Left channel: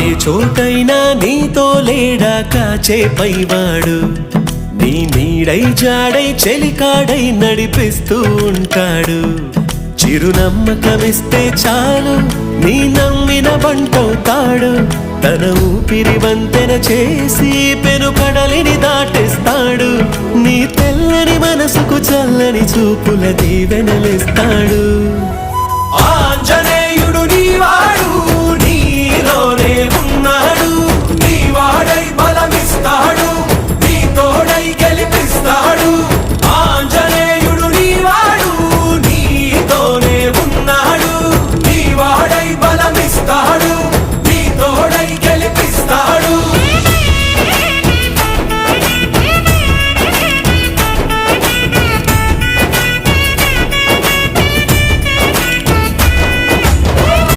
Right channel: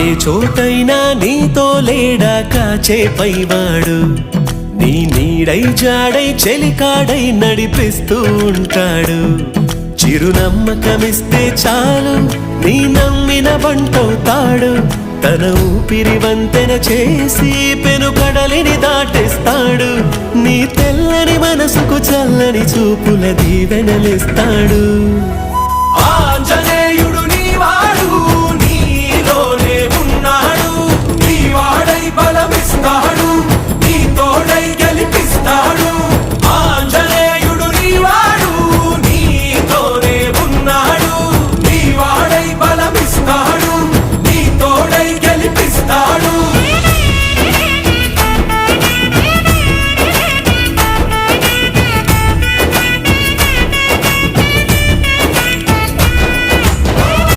ఏ చోటైనా నీతో లేడా కాచే పైవాడు, నీ నీడై జాడై చెలికాడై నడిపిస్తూ ఉంటాడు. చిరునమ్మకమిస్తే చాలు నీ నమ్మిన బంటవుతాడు. తన ఊపిరి వంతెన చేసి పెను కడలిని దాటేస్తాడు. నీ తెల్లని మనసుకు చల్లని చూపుల దీవెనలిస్తాడు.